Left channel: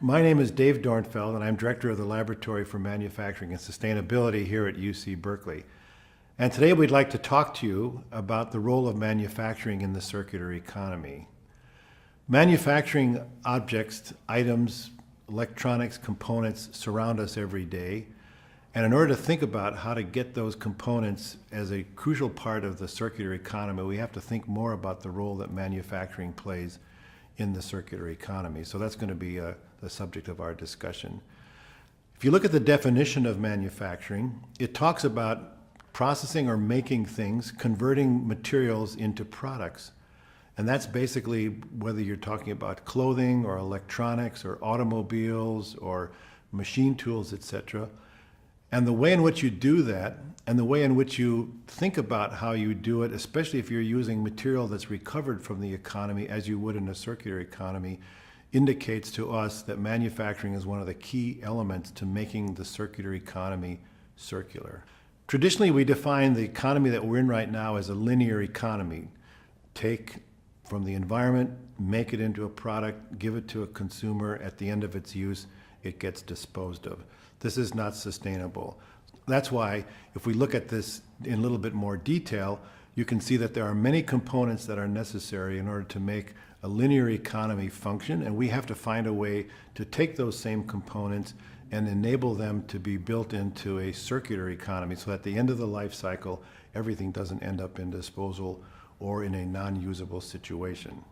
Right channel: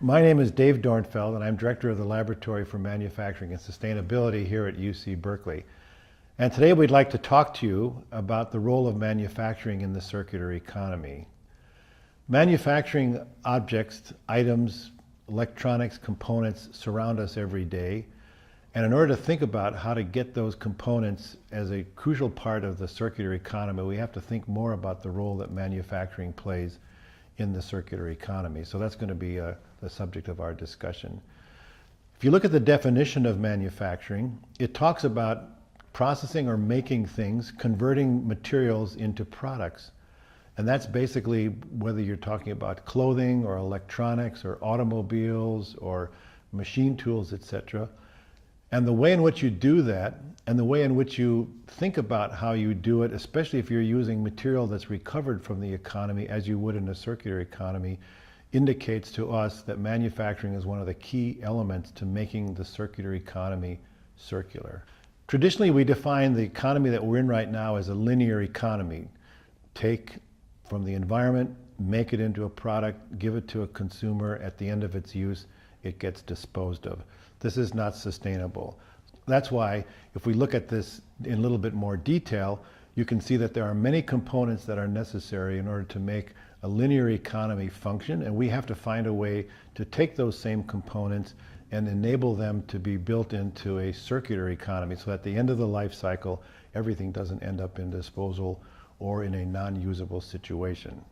My name is Dave Dornfeld, and I'm Director of the Laboratory for Manufacturing and Sustainability here at UC Berkeley. And today we'd like to talk to you about the role of manufacturing in the circular economy. Manufacturing objects, items, electronics, components surround us every day. And in order to think about how to get those components as a crucial part of the circular economy, we have to think more about the role that manufacturing plays in the circular economy. So that's going to be the subject of our discussion. If you look at the definition of manufacturing, it talks about processing or making things, converting materials into products. And that's basically whether you're talking about clothing or electronics or automobiles or machine tools, etc. And the way in which you do that and the way in which you think about how you do it, especially if you're using material that's recovered from the economy as you would in a circular economy, indicates to us that manufacturing is one of the key elements to making the circular economy circular. Traditionally, we define the economy that we're in right now as a linear economy. Take from the environment, make it into a product, give it to a consumer. At the end of its use, it gets disposed of. This is not sustainable. That's why, if we look at this in a little bit more detail, you can see that there are many components that are necessary in order to make a linear economy function, and we have to find a way to take those same components and enable them to be built into a circular economy so at the end of the life cycle, everything doesn't end up in disposal or in a non-usable situation.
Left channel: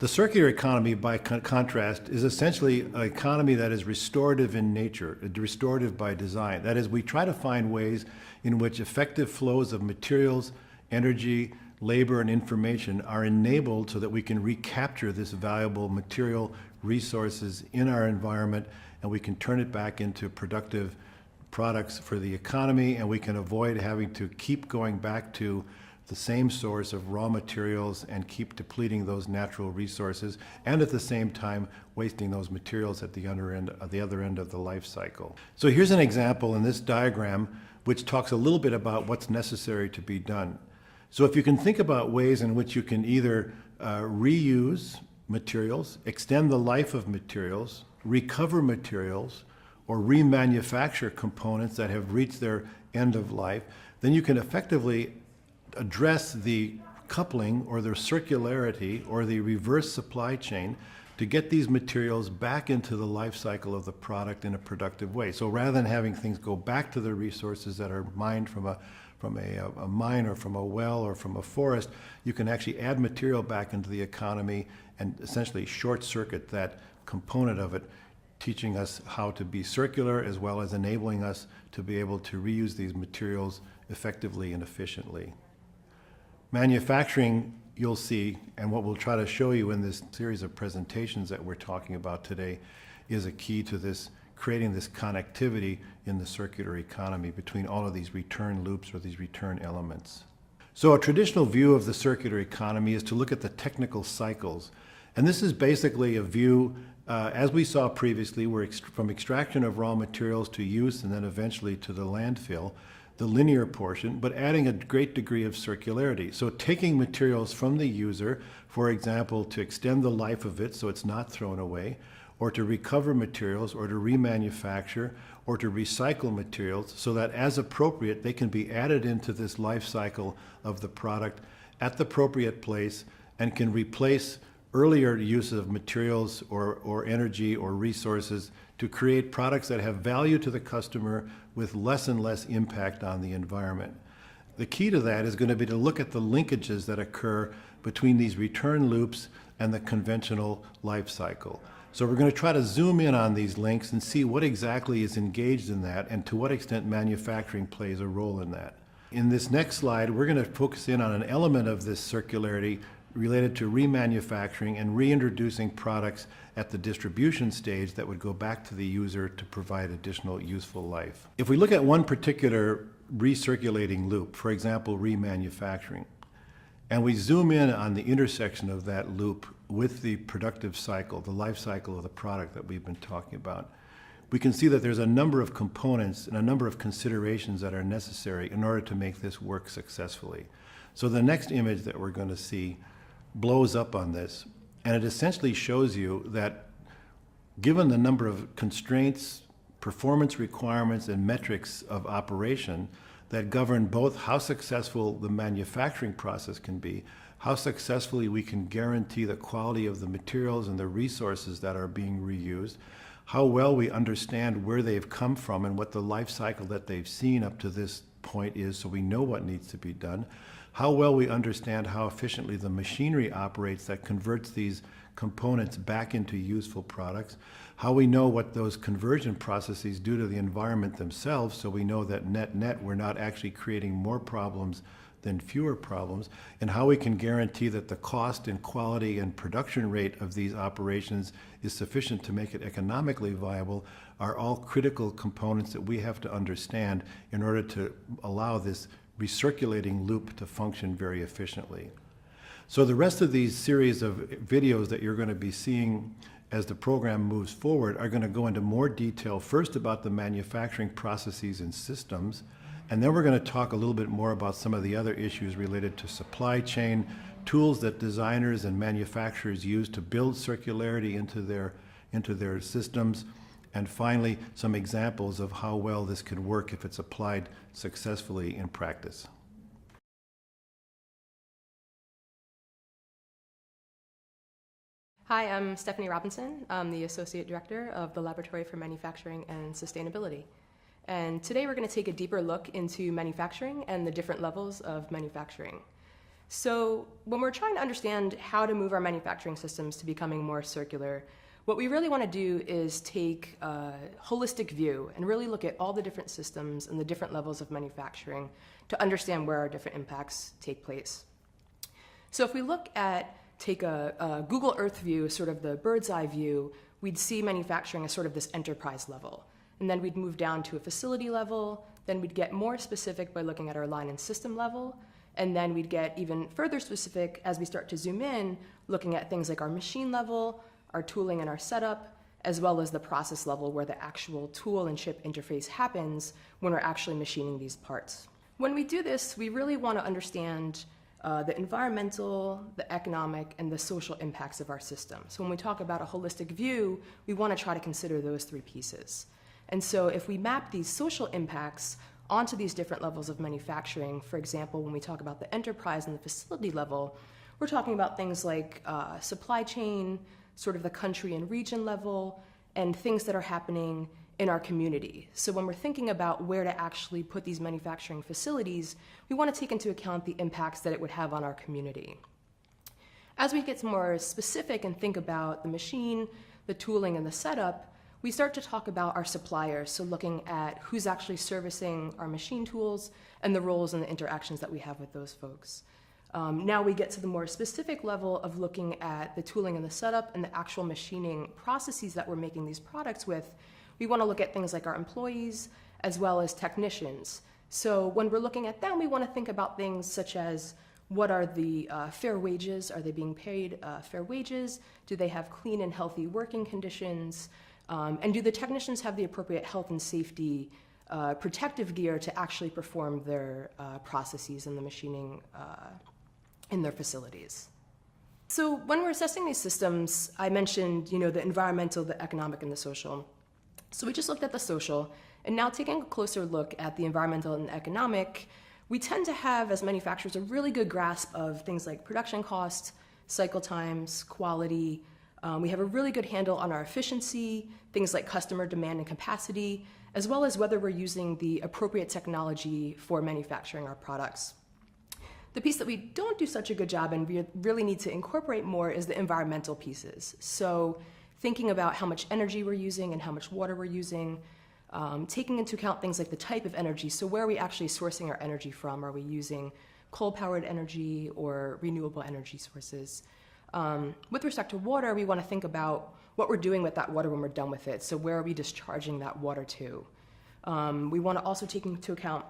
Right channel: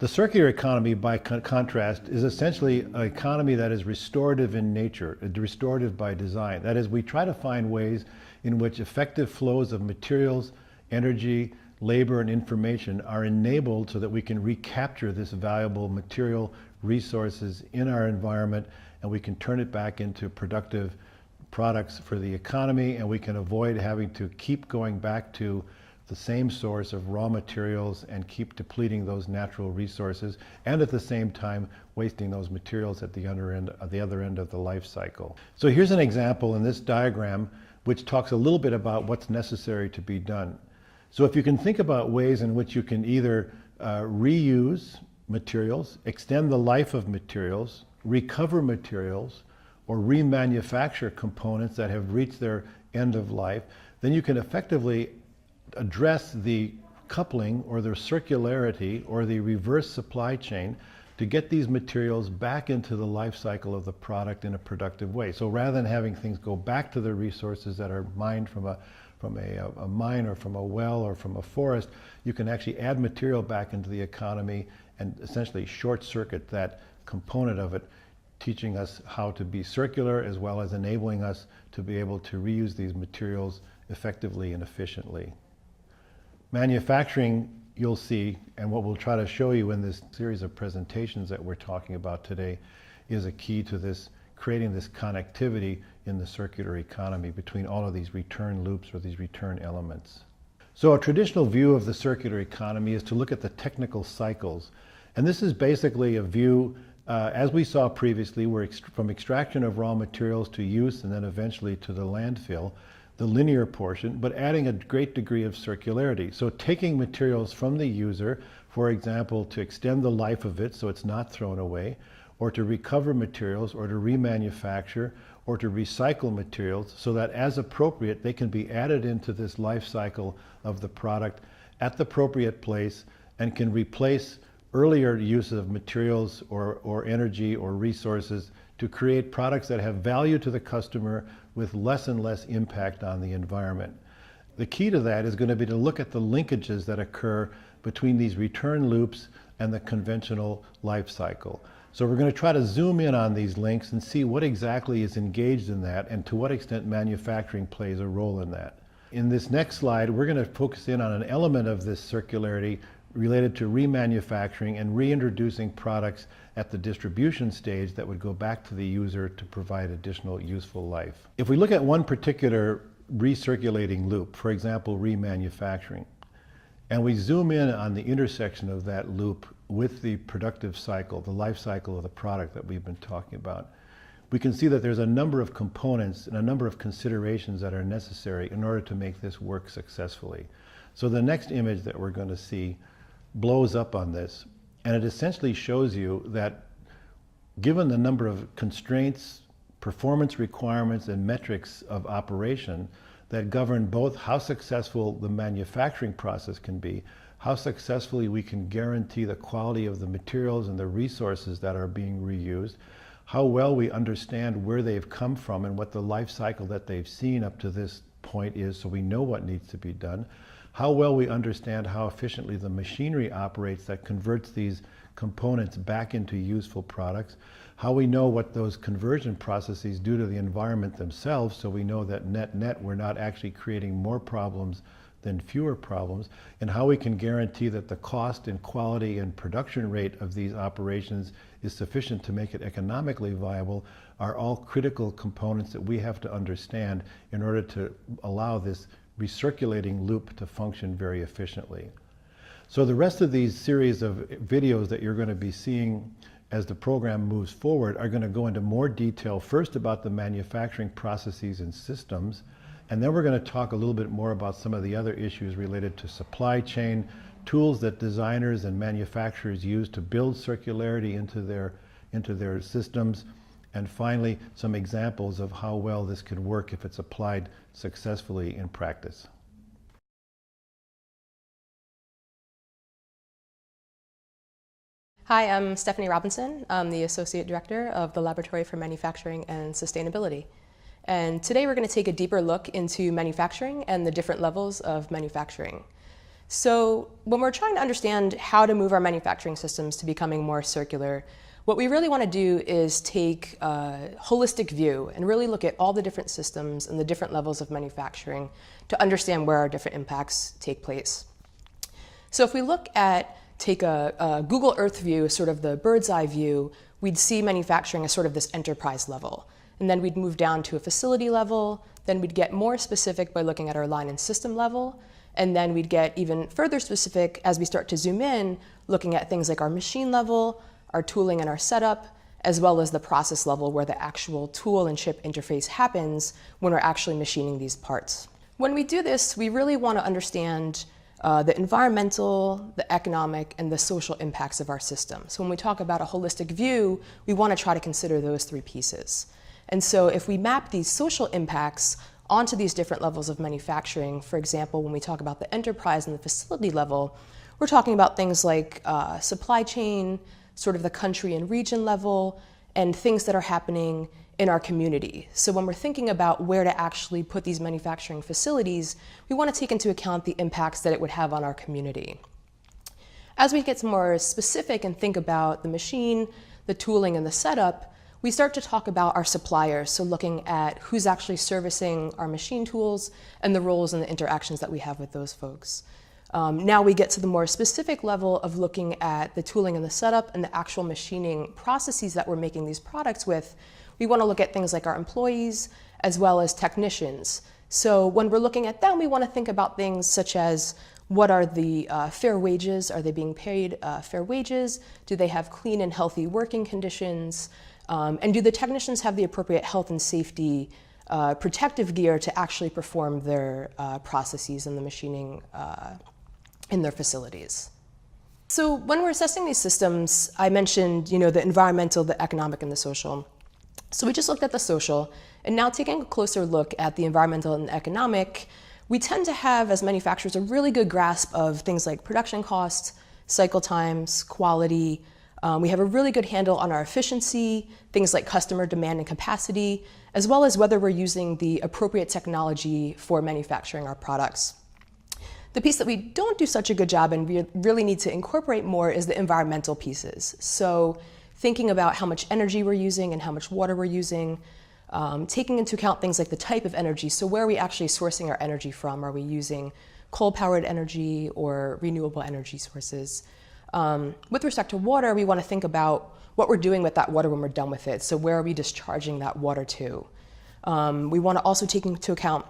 The circular economy, by contrast, is essentially an economy that is restorative in nature, restorative by design. That is, we try to find ways in which effective flows of materials, energy, labor, and information are enabled so that we can recapture this valuable material resources in our environment, and we can turn it back into productive products for the economy, and we can avoid having to keep going back to the same source of raw materials and keep depleting those natural resources, and at the same time wasting those materials at the other end of the life cycle. So here's an example in this diagram which talks a little bit about what's necessary to be done. So if you can think about ways in which you can either reuse materials, extend the life of materials, recover materials, or remanufacture components that have reached their end of life, then you can effectively address the coupling or the circularity or the reverse supply chain to get these materials back into the life cycle of the product in a productive way. So rather than having things go back to the resources that are mined from a mine or from a well or from a forest, you can actually add material back into the economy and essentially short circuit that component of it, teaching us how to be circular as well as enabling us to be able to reuse these materials effectively and efficiently. Manufacturing, you'll see, and what we'll try to show you in this series of presentations that we're talking about today, is a key to this, creating this connectivity in the circular economy between all of these return loops or these return elements. So a traditional view of the circular economy is to look at the technical cycles. And this is basically a view, as we saw previously, where from extraction of raw materials to use and then eventually to the landfill, the linear portion, but adding a great degree of circularity. So taking materials from the user, for example, to extend the life of it so it's not thrown away, or to recover materials, or to remanufacture, or to recycle materials so that as appropriate, they can be added into this life cycle of the product at the appropriate place and can replace earlier use of materials or energy or resources to create products that have value to the customer with less and less impact on the environment. The key to that is going to be to look at the linkages that occur between these return loops and the conventional life cycle. So we're going to try to zoom in on these links and see what exactly is engaged in that and to what extent manufacturing plays a role in that. In this next slide, we're going to focus in on an element of this circularity related to remanufacturing and reintroducing products at the distribution stage that would go back to the user to provide additional useful life. If we look at one particular recirculating loop, for example, remanufacturing, and we zoom in on the intersection of that loop with the productive cycle, the life cycle of the product that we've been talking about, we can see that there's a number of components and a number of considerations that are necessary in order to make this work successfully. So the next image that we're going to see blows up on this, and it essentially shows you that given the number of constraints, performance requirements, and metrics of operation that govern both how successful the manufacturing process can be, how successfully we can guarantee the quality of the materials and the resources that are being reused, how well we understand where they've come from and what the life cycle that they've seen up to this point is, so we know what needs to be done, how well we understand how efficiently the machinery operates that converts these components back into useful products, how we know what those conversion processes do to the environment themselves, so we know that net we're not actually creating more problems than fewer problems, and how we can guarantee that the cost and quality and production rate of these operations is sufficient to make it economically viable, are all critical components that we have to understand in order to allow this recirculating loop to function very efficiently. So the rest of these series of videos that you're going to be seeing as the program moves forward are going to go into more detail, first about the manufacturing processes and systems, and then we're going to talk a little bit more about some of the other issues related to supply chain, tools that designers and manufacturers use to build circularity into their systems, and finally, some examples of how well this could work if it's applied successfully in practice. Hi, I'm Stephanie Robinson. I'm the Associate Director of the Laboratory for Manufacturing and Sustainability. And today we're going to take a deeper look into manufacturing and the different levels of manufacturing. So when we're trying to understand how to move our manufacturing systems to becoming more circular, what we really want to do is take a holistic view and really look at all the different systems and the different levels of manufacturing to understand where our different impacts take place. So if we take a Google Earth view, sort of the bird's eye view, we'd see manufacturing as sort of this enterprise level. And then we'd move down to a facility level, then we'd get more specific by looking at our line and system level, and then we'd get even further specific as we start to zoom in, looking at things like our machine level, our tooling and our setup, as well as the process level where the actual tool and chip interface happens when we're actually machining these parts. When we do this, we really want to understand the environmental, the economic, and the social impacts of our system. So when we talk about a holistic view, we want to try to consider those three pieces. And so if we map these social impacts onto these different levels of manufacturing, for example, when we talk about the enterprise and the facility level, we're talking about things like supply chain, sort of the country and region level, and things that are happening in our community. So when we're thinking about where to actually put these manufacturing facilities, we want to take into account the impacts that it would have on our community. As we get more specific and think about the machine, the tooling, and the setup, we start to talk about our suppliers, so looking at who's actually servicing our machine tools and the roles and the interactions that we have with those folks. Now we get to the more specific level of looking at the tooling and the setup and the actual machining processes that we're making these products with. We want to look at things like our employees as well as technicians. So when we're looking at them, we want to think about things such as what are the fair wages? Are they being paid fair wages? Do they have clean and healthy working conditions? And do the technicians have the appropriate health and safety protective gear to actually perform their processes in the machining in their facilities? So when we're assessing these systems, I mentioned the environmental, the economic, and the social. So we just looked at the social, and now taking a closer look at the environmental and economic, we tend to have, as manufacturers, a really good grasp of things like production costs, cycle times, quality. We have a really good handle on our efficiency, things like customer demand and capacity, as well as whether we're using the appropriate technology for manufacturing our products. The piece that we don't do such a good job and we really need to incorporate more is the environmental pieces. So thinking about how much energy we're using and how much water we're using, taking into account things like the type of energy. So where are we actually sourcing our energy from? Are we using coal-powered energy or renewable energy sources? With respect to water, we want to think about what we're doing with that water when we're done with it. So where are we discharging that water to? We want to also take into account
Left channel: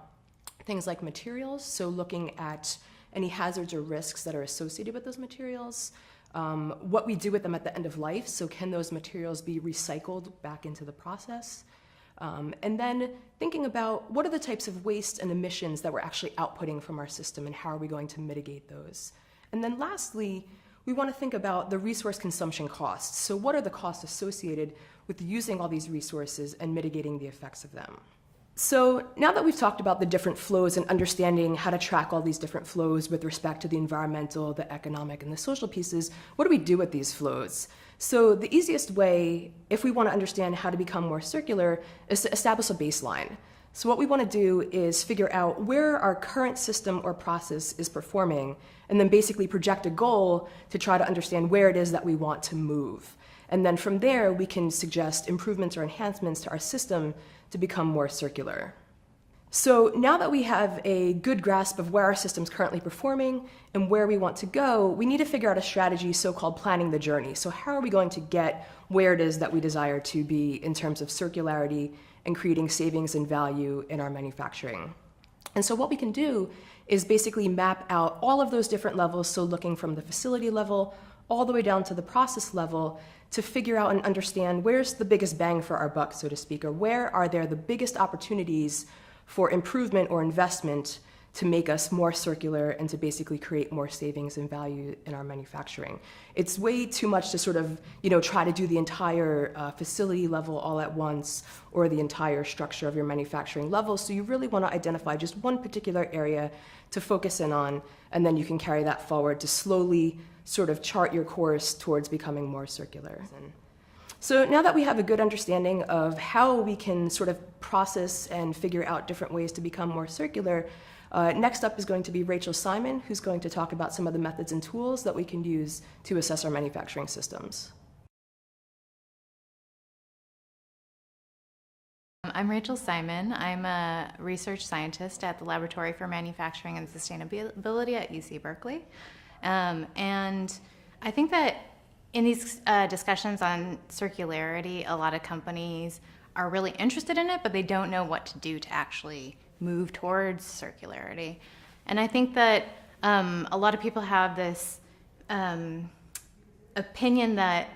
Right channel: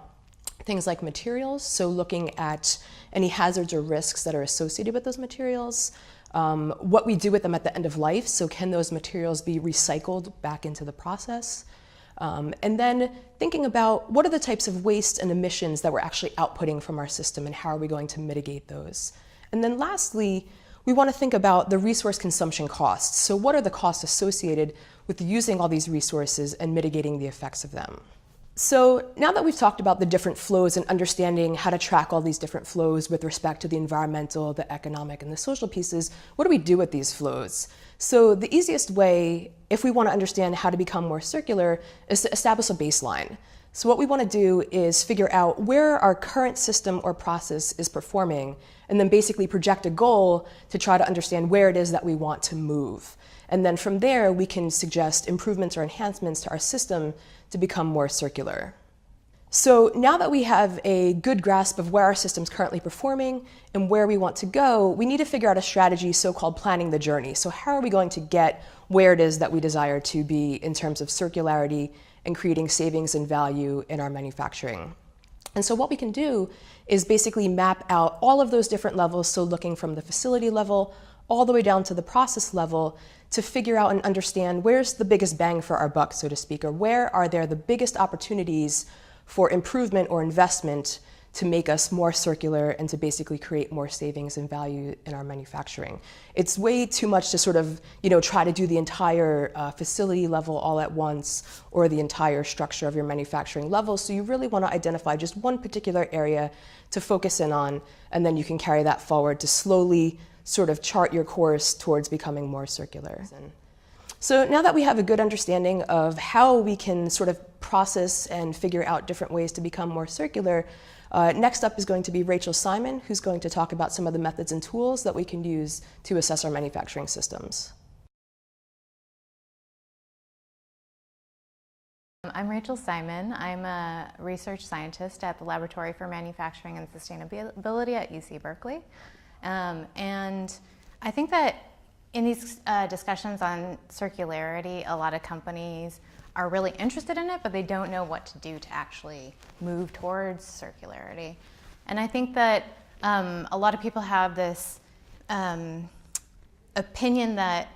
things like materials. So looking at any hazards or risks that are associated with those materials. What we do with them at the end of life, so can those materials be recycled back into the process? And then thinking about what are the types of waste and emissions that we're actually outputting from our system and how are we going to mitigate those? And then lastly, we want to think about the resource consumption costs. So what are the costs associated with using all these resources and mitigating the effects of them? So now that we've talked about the different flows and understanding how to track all these different flows with respect to the environmental, the economic, and the social pieces, what do we do with these flows? So the easiest way, if we want to understand how to become more circular, is to establish a baseline. So what we want to do is figure out where our current system or process is performing, and then basically project a goal to try to understand where it is that we want to move. And then from there, we can suggest improvements or enhancements to our system to become more circular. So now that we have a good grasp of where our system's currently performing and where we want to go, we need to figure out a strategy, so-called planning the journey. So how are we going to get where it is that we desire to be in terms of circularity and creating savings and value in our manufacturing? And so what we can do is basically map out all of those different levels, so looking from the facility level all the way down to the process level, to figure out and understand where's the biggest bang for our buck, so to speak, or where are there the biggest opportunities for improvement or investment to make us more circular and to basically create more savings and value in our manufacturing. It's way too much to sort of, try to do the entire facility level all at once or the entire structure of your manufacturing level. So you really want to identify just one particular area to focus in on, and then you can carry that forward to slowly sort of chart your course towards becoming more circular. So now that we have a good understanding of how we can sort of process and figure out different ways to become more circular, next up is going to be Rachel Simon, who's going to talk about some of the methods and tools that we can use to assess our manufacturing systems. I'm Rachel Simon. I'm a research scientist at the Laboratory for Manufacturing and Sustainability at UC Berkeley. And I think that in these discussions on circularity, a lot of companies are really interested in it, but they don't know what to do to actually move towards circularity. And I think that a lot of people have this opinion that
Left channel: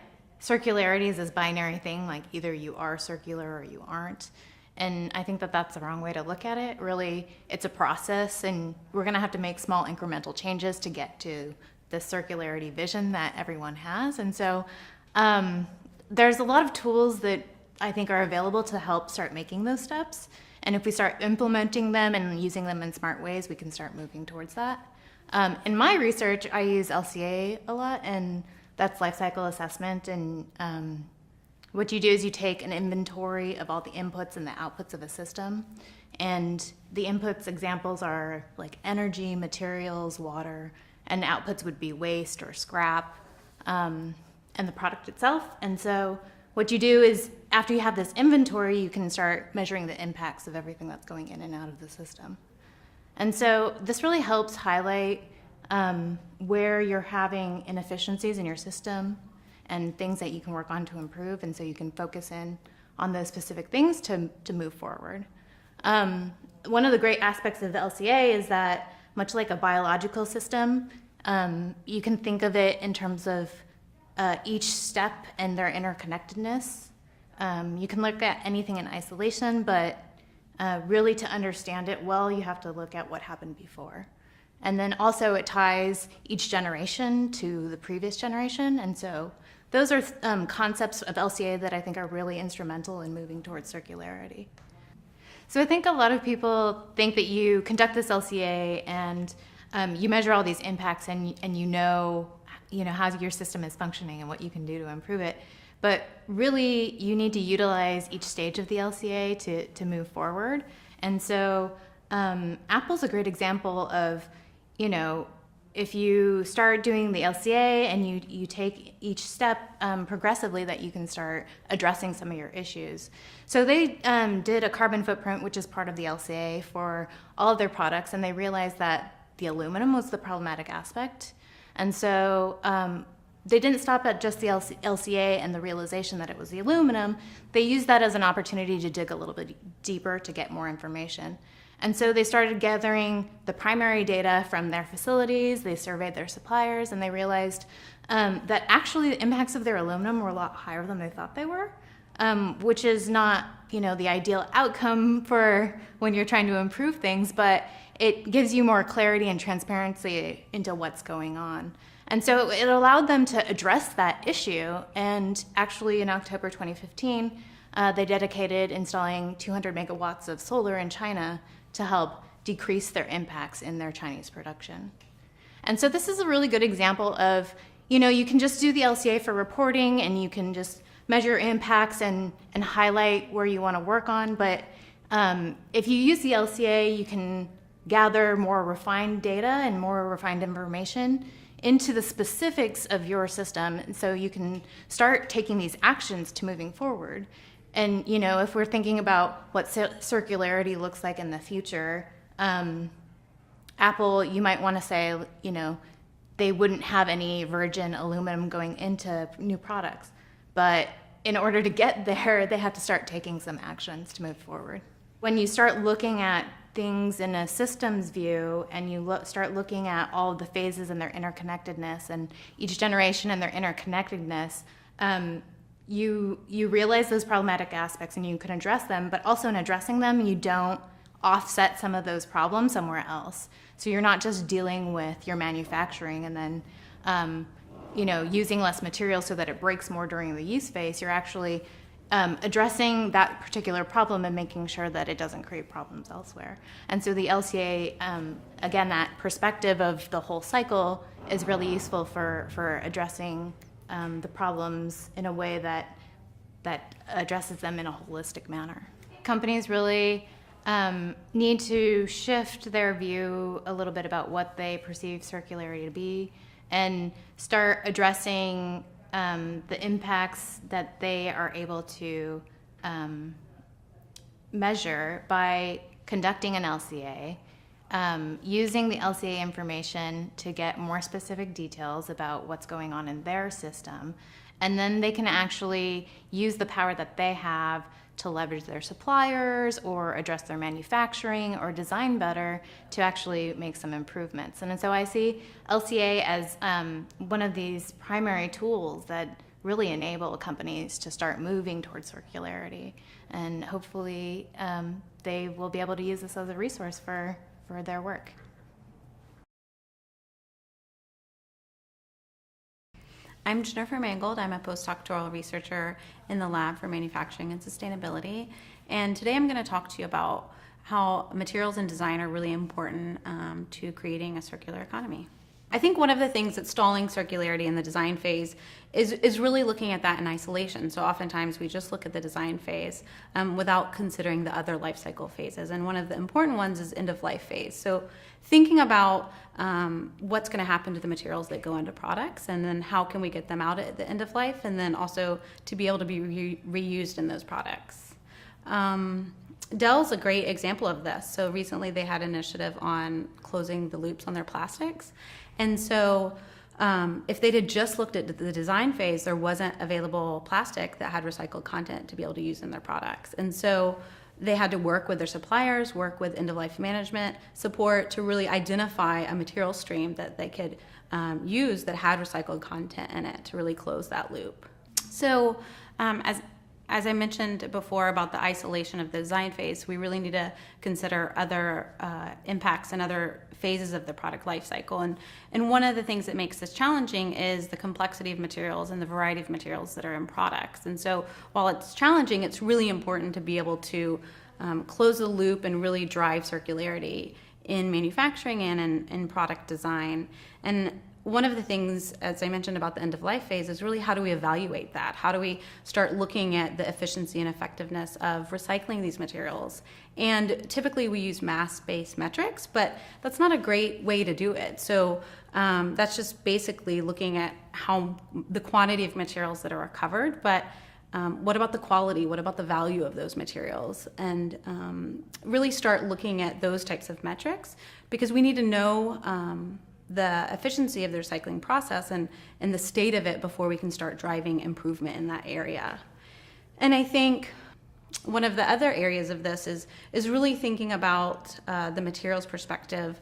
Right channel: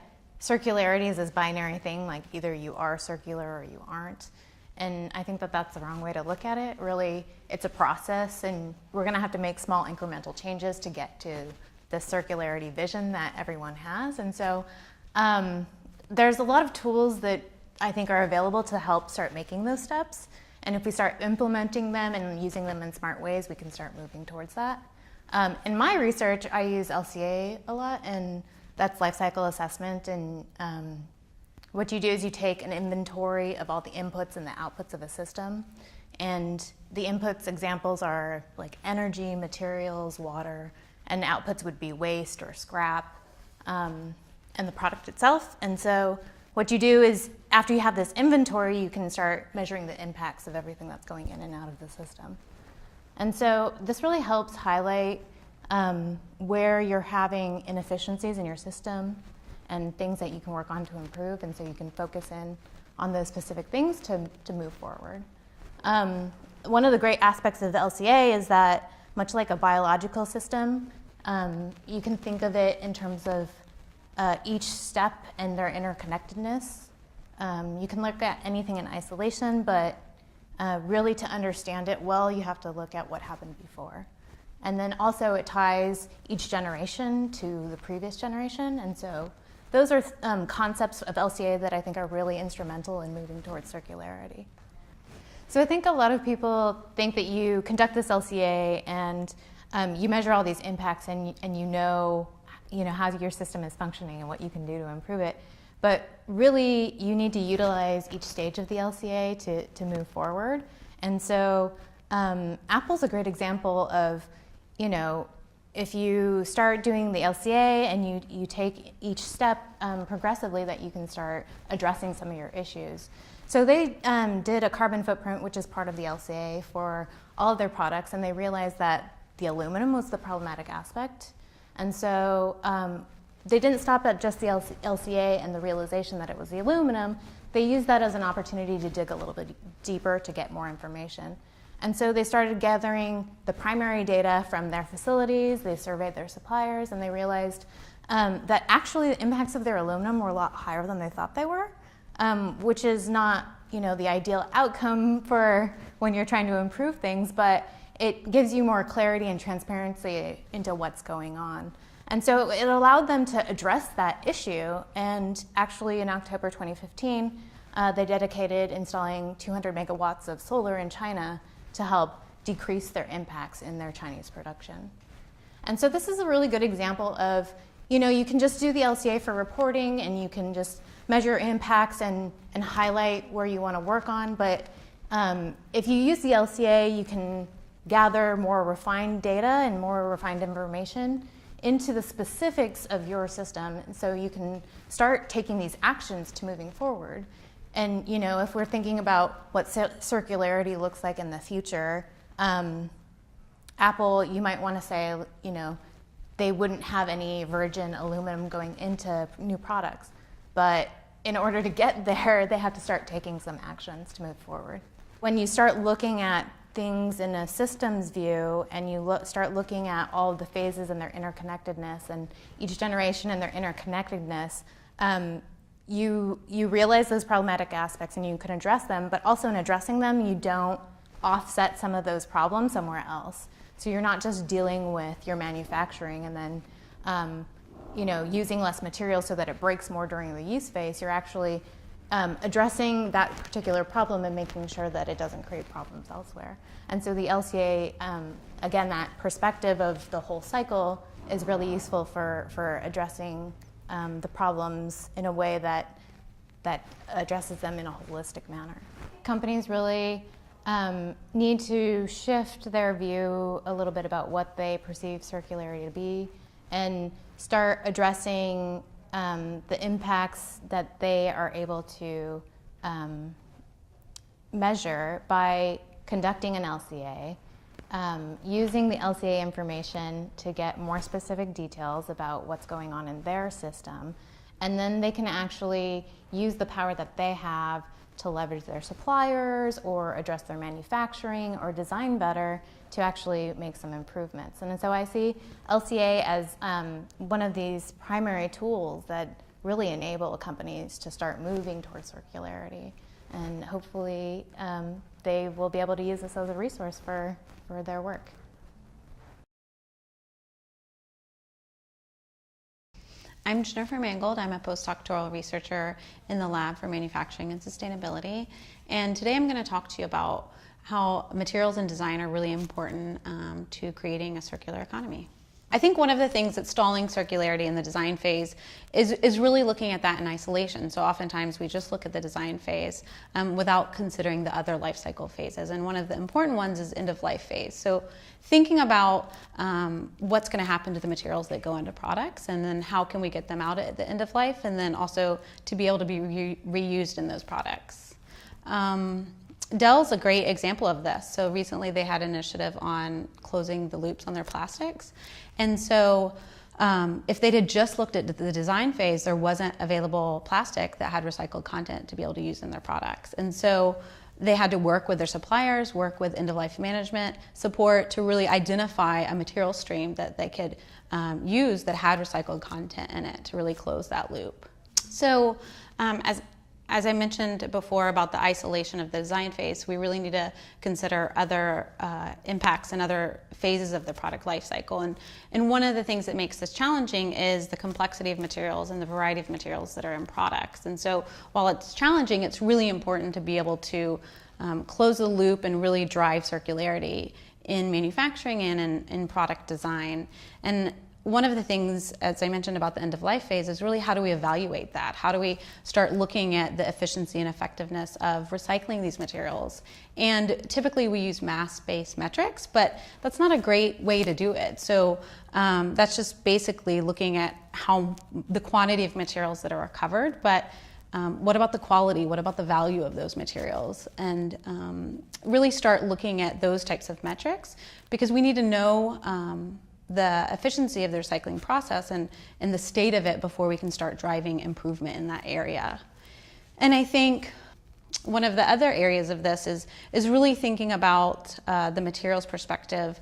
circularity is this binary thing, like either you are circular or you aren't. And I think that that's the wrong way to look at it. Really, it's a process, and we're going to have to make small incremental changes to get to the circularity vision that everyone has. And so there's a lot of tools that I think are available to help start making those steps. And if we start implementing them and using them in smart ways, we can start moving towards that. In my research, I use LCA a lot, and that's life cycle assessment. And what you do is you take an inventory of all the inputs and the outputs of a system. And the inputs examples are like energy, materials, water, and outputs would be waste or scrap, and the product itself. And so what you do is, after you have this inventory, you can start measuring the impacts of everything that's going in and out of the system. And so this really helps highlight where you're having inefficiencies in your system and things that you can work on to improve, and so you can focus in on those specific things to move forward. One of the great aspects of the LCA is that, much like a biological system, you can think of it in terms of each step and their interconnectedness. You can look at anything in isolation, but really to understand it well, you have to look at what happened before. And then also it ties each generation to the previous generation, and so those are concepts of LCA that I think are really instrumental in moving towards circularity. So I think a lot of people think that you conduct this LCA and you measure all these impacts and you know how your system is functioning and what you can do to improve it. But really, you need to utilize each stage of the LCA to move forward. And so Apple's a great example of, if you start doing the LCA and you take each step progressively, that you can start addressing some of your issues. So they did a carbon footprint, which is part of the LCA, for all of their products, and they realized that the aluminum was the problematic aspect. And so they didn't stop at just the LCA and the realization that it was the aluminum. They used that as an opportunity to dig a little bit deeper to get more information. And so they started gathering the primary data from their facilities, they surveyed their suppliers, and they realized that actually the impacts of their aluminum were a lot higher than they thought they were, which is not, the ideal outcome for when you're trying to improve things, but it gives you more clarity and transparency into what's going on. And so it allowed them to address that issue. And actually in October 2015, they dedicated installing 200 megawatts of solar in China to help decrease their impacts in their Chinese production. And so this is a really good example of, you can just do the LCA for reporting and you can just measure impacts and highlight where you want to work on. But if you use the LCA, you can gather more refined data and more refined information into the specifics of your system. And so you can start taking these actions to moving forward. And, if we're thinking about what circularity looks like in the future, Apple, you might want to say, they wouldn't have any virgin aluminum going into new products. But in order to get there, they have to start taking some actions to move forward. When you start looking at things in a systems view and you start looking at all of the phases and their interconnectedness and each generation and their interconnectedness, you realize those problematic aspects and you can address them, but also in addressing them, you don't offset some of those problems somewhere else. So you're not just dealing with your manufacturing and then using less material so that it breaks more during the use phase. You're actually addressing that particular problem and making sure that it doesn't create problems elsewhere. And so the LCA, again, that perspective of the whole cycle is really useful for addressing the problems in a way that addresses them in a holistic manner. Companies really need to shift their view a little bit about what they perceive circularity to be and start addressing the impacts that they are able to measure by conducting an LCA, using the LCA information to get more specific details about what's going on in their system, and then they can actually use the power that they have to leverage their suppliers or address their manufacturing or design better to actually make some improvements. And so I see LCA as one of these primary tools that really enable companies to start moving towards circularity. And hopefully they will be able to use this as a resource for their work. I'm Jennifer Mangold. I'm a postdoctoral researcher in the Lab for Manufacturing and Sustainability. And today I'm going to talk to you about how materials and design are really important to creating a circular economy. I think one of the things that's stalling circularity in the design phase is really looking at that in isolation. So oftentimes we just look at the design phase without considering the other life cycle phases. And one of the important ones is end of life phase. So thinking about what's going to happen to the materials that go into products, and then how can we get them out at the end of life, and then also to be able to be reused in those products. Dell's a great example of this. So recently they had an initiative on closing the loops on their plastics. And so if they had just looked at the design phase, there wasn't available plastic that had recycled content to be able to use in their products. And so they had to work with their suppliers, work with end-of-life management support to really identify a material stream that they could use that had recycled content in it to really close that loop. So as I mentioned before about the isolation of the design phase, we really need to consider other impacts and other phases of the product life cycle. And one of the things that makes this challenging is the complexity of materials and the variety of materials that are in products. And so while it's challenging, it's really important to be able to close the loop and really drive circularity in manufacturing and in product design. And one of the things, as I mentioned about the end-of-life phase, is really how do we evaluate that? How do we start looking at the efficiency and effectiveness of recycling these materials? And typically we use mass-based metrics, but that's not a great way to do it. So that's just basically looking at how the quantity of materials that are recovered, but what about the quality? What about the value of those materials? And really start looking at those types of metrics, because we need to know the efficiency of the recycling process and the state of it before we can start driving improvement in that area. And I think one of the other areas of this is really thinking about the materials perspective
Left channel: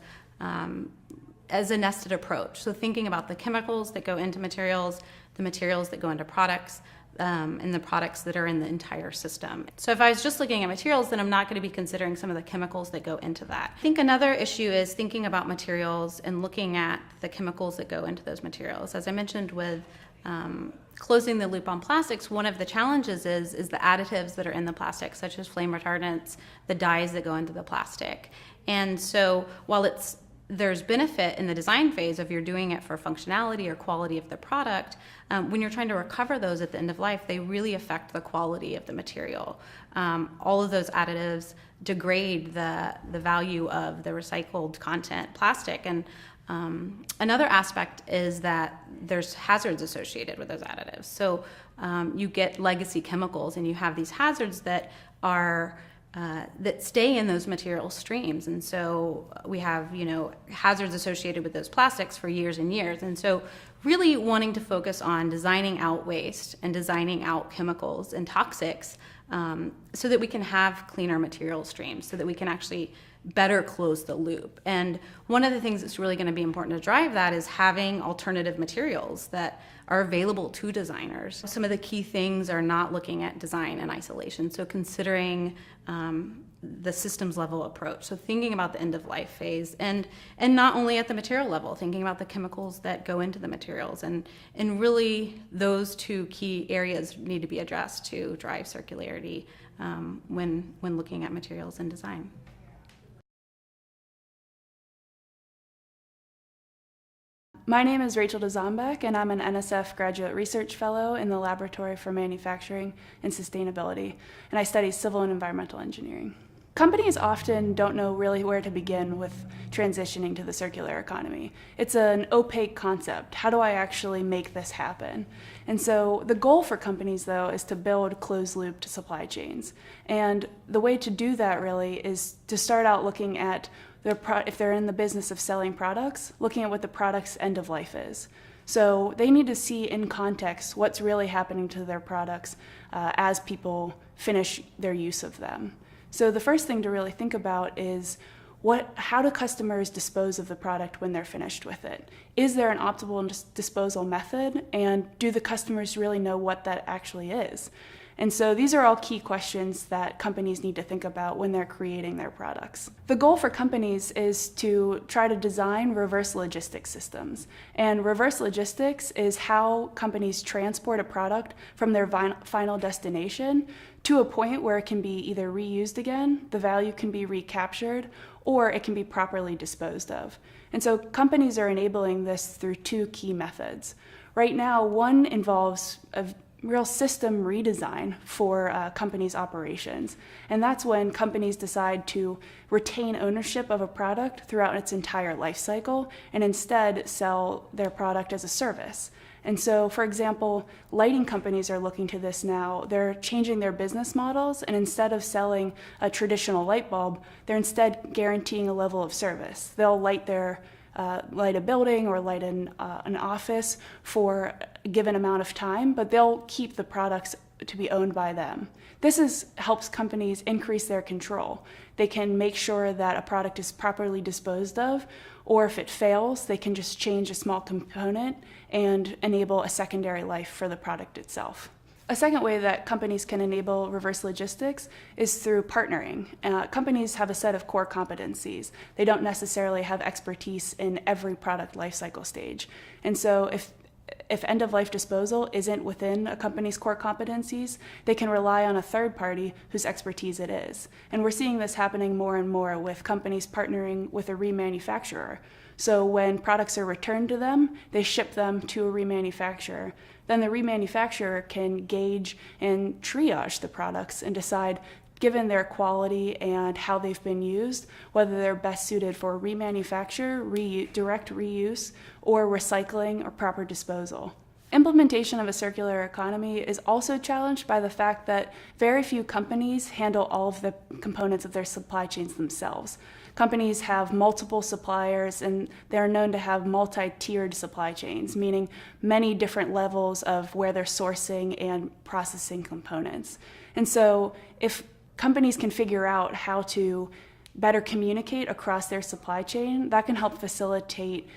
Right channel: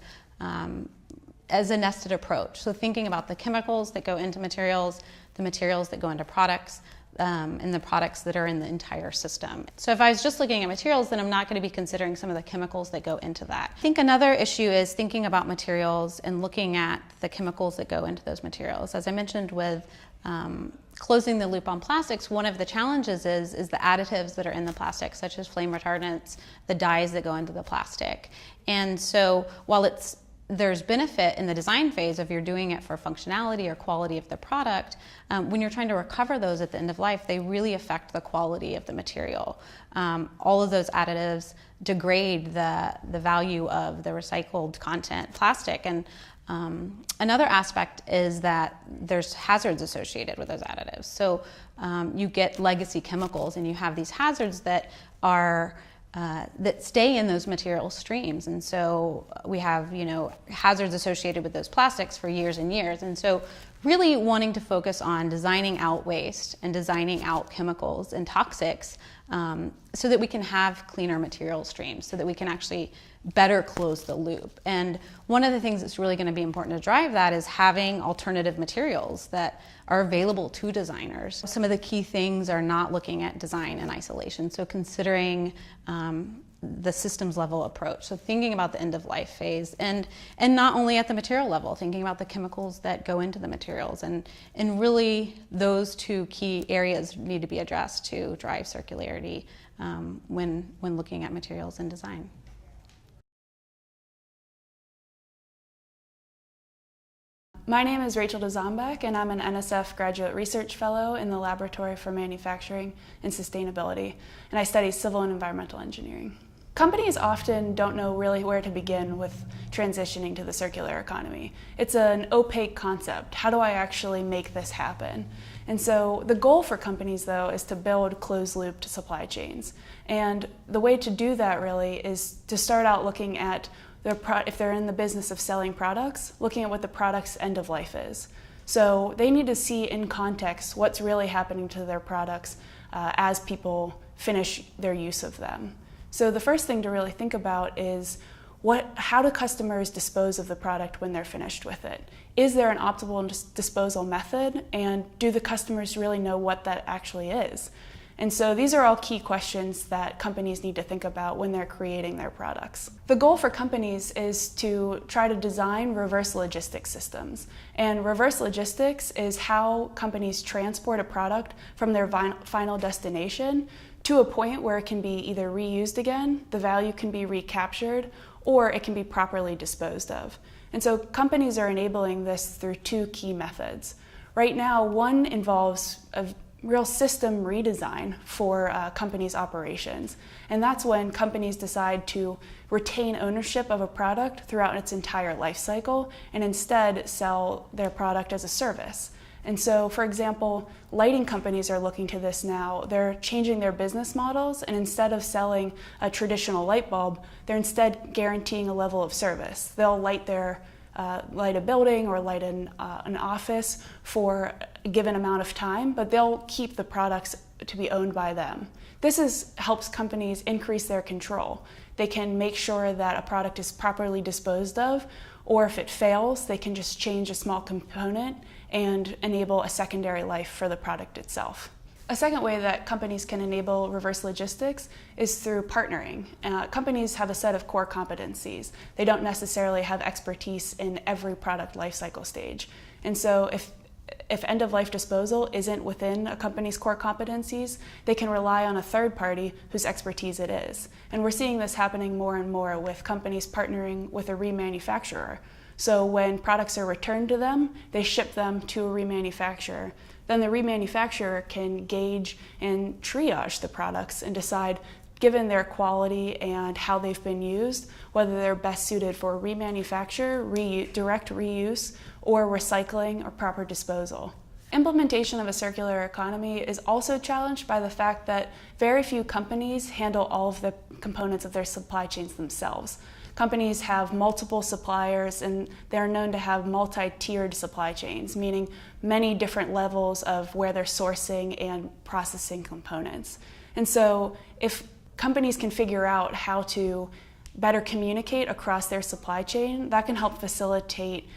as a nested approach. So thinking about the chemicals that go into materials, the materials that go into products, in the products that are in the entire system. So if I was just looking at materials, then I'm not going to be considering some of the chemicals that go into that. I think another issue is thinking about materials and looking at the chemicals that go into those materials. As I mentioned with closing the loop on plastics, one of the challenges is the additives that are in the plastic, such as flame retardants, the dyes that go into the plastic. And so while there's benefit in the design phase if you're doing it for functionality or quality of the product, when you're trying to recover those at the end of life, they really affect the quality of the material. All of those additives degrade the value of the recycled content plastic. And another aspect is that there's hazards associated with those additives. So you get legacy chemicals and you have these hazards that are that stay in those material streams. And so we have, hazards associated with those plastics for years and years. And so really wanting to focus on designing out waste and designing out chemicals and toxics so that we can have cleaner material streams, so that we can actually better close the loop. And one of the things that's really going to be important to drive that is having alternative materials that are available to designers. Some of the key things are not looking at design in isolation, so considering the systems level approach, so thinking about the end of life phase, and not only at the material level, thinking about the chemicals that go into the materials, and really those two key areas need to be addressed to drive circularity when looking at materials and design. My name is Rachel DeZombek, and I'm an NSF Graduate Research Fellow in the Laboratory for Manufacturing and Sustainability, and I study civil and environmental engineering. Companies often don't know really where to begin with transitioning to the circular economy. It's an opaque concept. How do I actually make this happen? And so the goal for companies, though, is to build closed-loop supply chains. And the way to do that really is to start out looking at if they're in the business of selling products, looking at what the product's end of life is. So they need to see in context what's really happening to their products as people finish their use of them. So the first thing to really think about is how do customers dispose of the product when they're finished with it? Is there an optimal disposal method, and do the customers really know what that actually is? And so these are all key questions that companies need to think about when they're creating their products. The goal for companies is to try to design reverse logistics systems. And reverse logistics is how companies transport a product from their final destination to a point where it can be either reused again, the value can be recaptured, or it can be properly disposed of. And so companies are enabling this through two key methods. Right now, one involves a real system redesign for companies' operations. And that's when companies decide to retain ownership of a product throughout its entire life cycle and instead sell their product as a service. And so, for example, lighting companies are looking to this now. They're changing their business models, and instead of selling a traditional light bulb, they're instead guaranteeing a level of service. They'll light a building or light an office for a given amount of time, but they'll keep the products to be owned by them. This helps companies increase their control. They can make sure that a product is properly disposed of, or if it fails, they can just change a small component and enable a secondary life for the product itself. A second way that companies can enable reverse logistics is through partnering. Companies have a set of core competencies. They don't necessarily have expertise in every product lifecycle stage. And so if end-of-life disposal isn't within a company's core competencies, they can rely on a third party whose expertise it is. And we're seeing this happening more and more with companies partnering with a remanufacturer. So when products are returned to them, they ship them to a remanufacturer. Then the remanufacturer can gauge and triage the products and decide, given their quality and how they've been used, whether they're best suited for remanufacture, direct reuse, or recycling or proper disposal. Implementation of a circular economy is also challenged by the fact that very few companies handle all of the components of their supply chains themselves. Companies have multiple suppliers, and they're known to have multi-tiered supply chains, meaning many different levels of where they're sourcing and processing components. And so if companies can figure out how to better communicate across their supply chain, that can help facilitate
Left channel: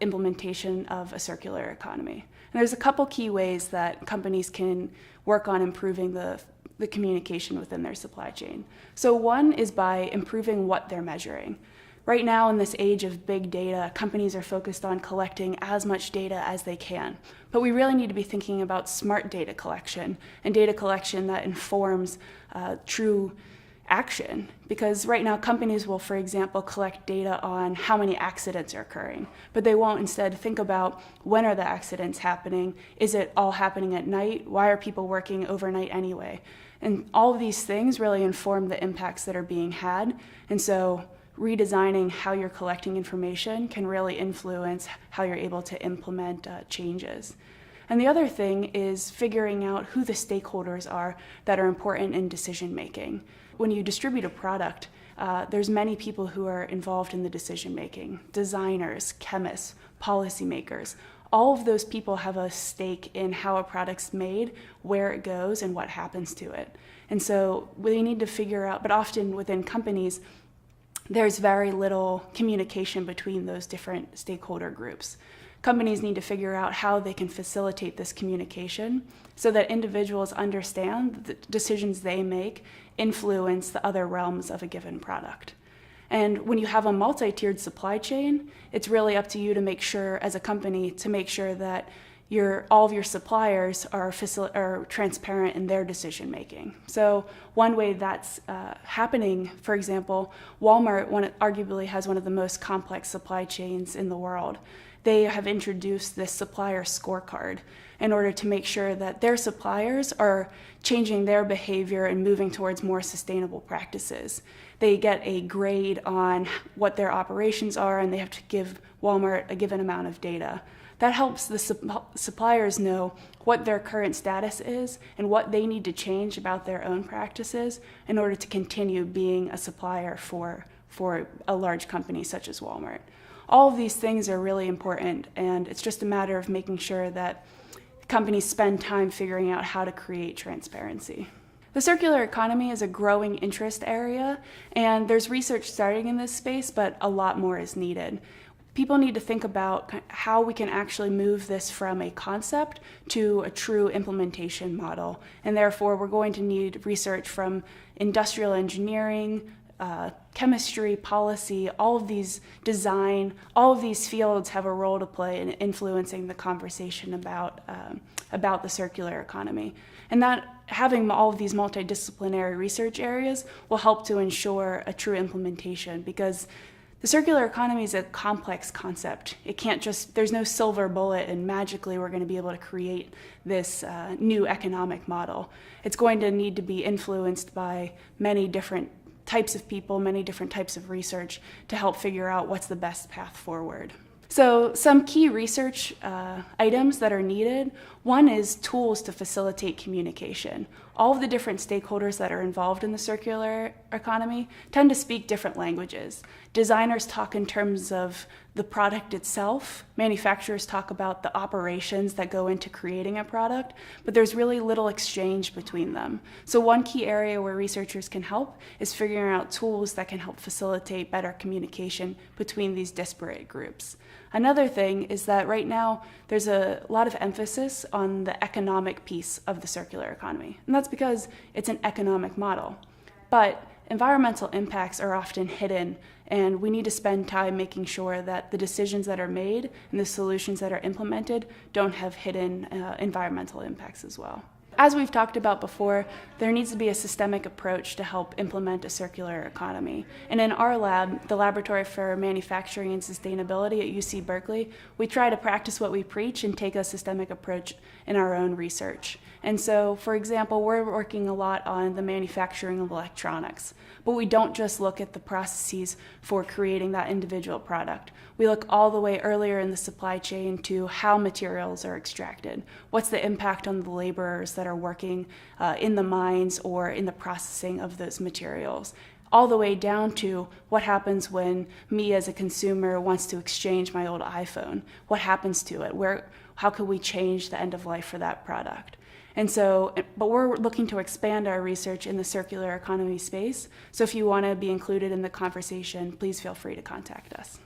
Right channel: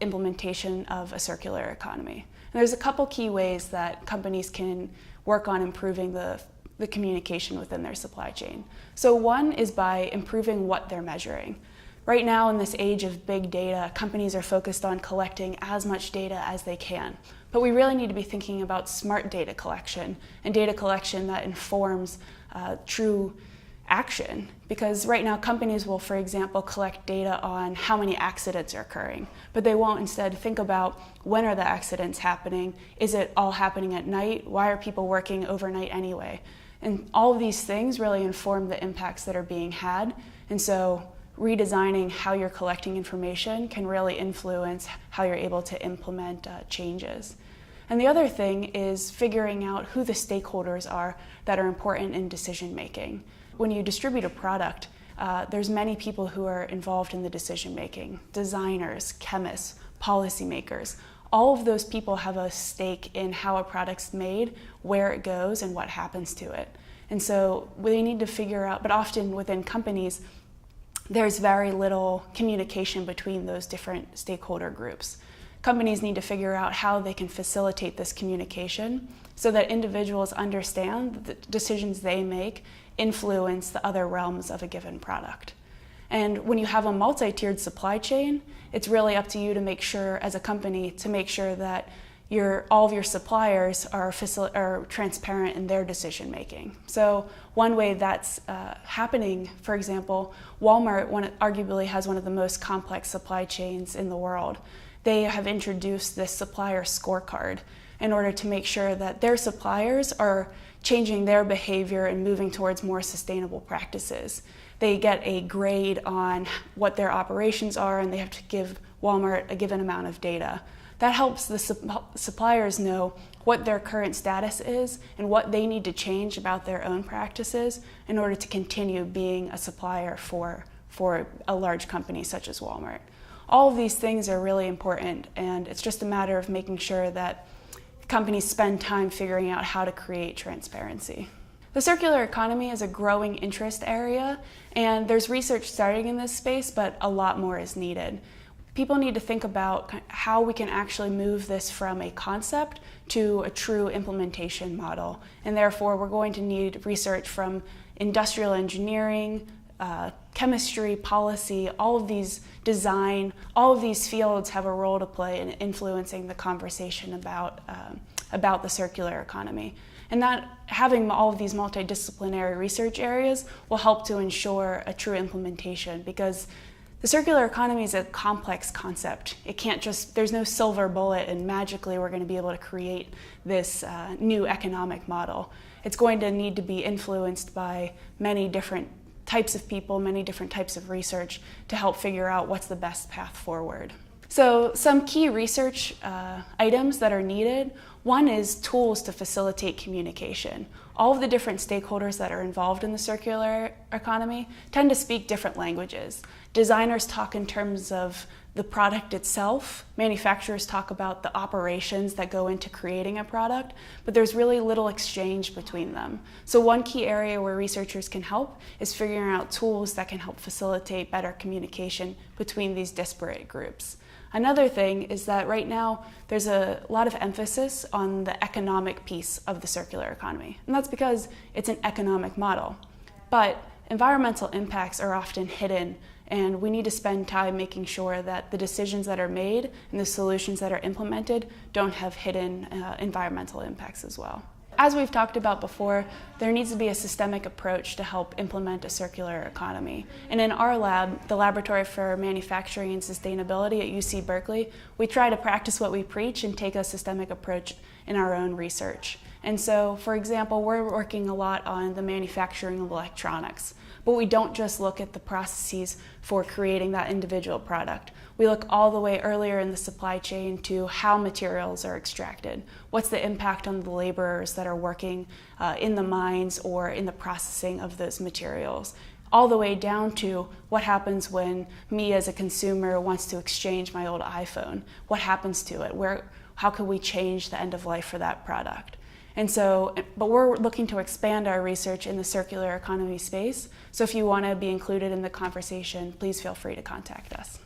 implementation of a circular economy. And there's a couple key ways that companies can work on improving the communication within their supply chain. So one is by improving what they're measuring. Right now, in this age of big data, companies are focused on collecting as much data as they can. But we really need to be thinking about smart data collection and data collection that informs true action. Because right now, companies will, for example, collect data on how many accidents are occurring. But they won't instead think about when are the accidents happening? Is it all happening at night? Why are people working overnight anyway? And all of these things really inform the impacts that are being had. And so redesigning how you're collecting information can really influence how you're able to implement changes. And the other thing is figuring out who the stakeholders are that are important in decision making. When you distribute a product, there's many people who are involved in the decision making: designers, chemists, policymakers. All of those people have a stake in how a product's made, where it goes, and what happens to it. And so we need to figure out, but often within companies, there's very little communication between those different stakeholder groups. Companies need to figure out how they can facilitate this communication so that individuals understand that the decisions they make influence the other realms of a given product. And when you have a multi-tiered supply chain, it's really up to you to make sure, as a company, to make sure that all of your suppliers are transparent in their decision making. So one way that's happening, for example, Walmart arguably has one of the most complex supply chains in the world. They have introduced this supplier scorecard in order to make sure that their suppliers are changing their behavior and moving towards more sustainable practices. They get a grade on what their operations are, and they have to give Walmart a given amount of data. That helps the suppliers know what their current status is and what they need to change about their own practices in order to continue being a supplier for a large company such as Walmart. All of these things are really important, and it's just a matter of making sure that companies spend time figuring out how to create transparency. The circular economy is a growing interest area, and there's research starting in this space, but a lot more is needed. People need to think about how we can actually move this from a concept to a true implementation model. And therefore, we're going to need research from industrial engineering, chemistry, policy, all of these design, all of these fields have a role to play in influencing the conversation about the circular economy. And that having all of these multidisciplinary research areas will help to ensure a true implementation, because the circular economy is a complex concept. It can't there's no silver bullet and magically we're going to be able to create this new economic model. It's going to need to be influenced by many different types of people, many different types of research to help figure out what's the best path forward. So some key research items that are needed. One is tools to facilitate communication. All of the different stakeholders that are involved in the circular economy tend to speak different languages. Designers talk in terms of the product itself. Manufacturers talk about the operations that go into creating a product, but there's really little exchange between them. So one key area where researchers can help is figuring out tools that can help facilitate better communication between these disparate groups. Another thing is that right now there's a lot of emphasis on the economic piece of the circular economy, and that's because it's an economic model. But environmental impacts are often hidden, and we need to spend time making sure that the decisions that are made and the solutions that are implemented don't have hidden environmental impacts as well. As we've talked about before, there needs to be a systemic approach to help implement a circular economy. And in our lab, the Laboratory for Manufacturing and Sustainability at UC Berkeley, we try to practice what we preach and take a systemic approach in our own research. And so, for example, we're working a lot on the manufacturing of electronics, but we don't just look at the processes for creating that individual product. We look all the way earlier in the supply chain to how materials are extracted. What's the impact on the laborers that are working in the mines or in the processing of those materials? All the way down to what happens when me as a consumer wants to exchange my old iPhone. What happens to it? How can we change the end of life for that product? And so, but we're looking to expand our research in the circular economy space. So if you want to be included in the conversation, please feel free to contact us.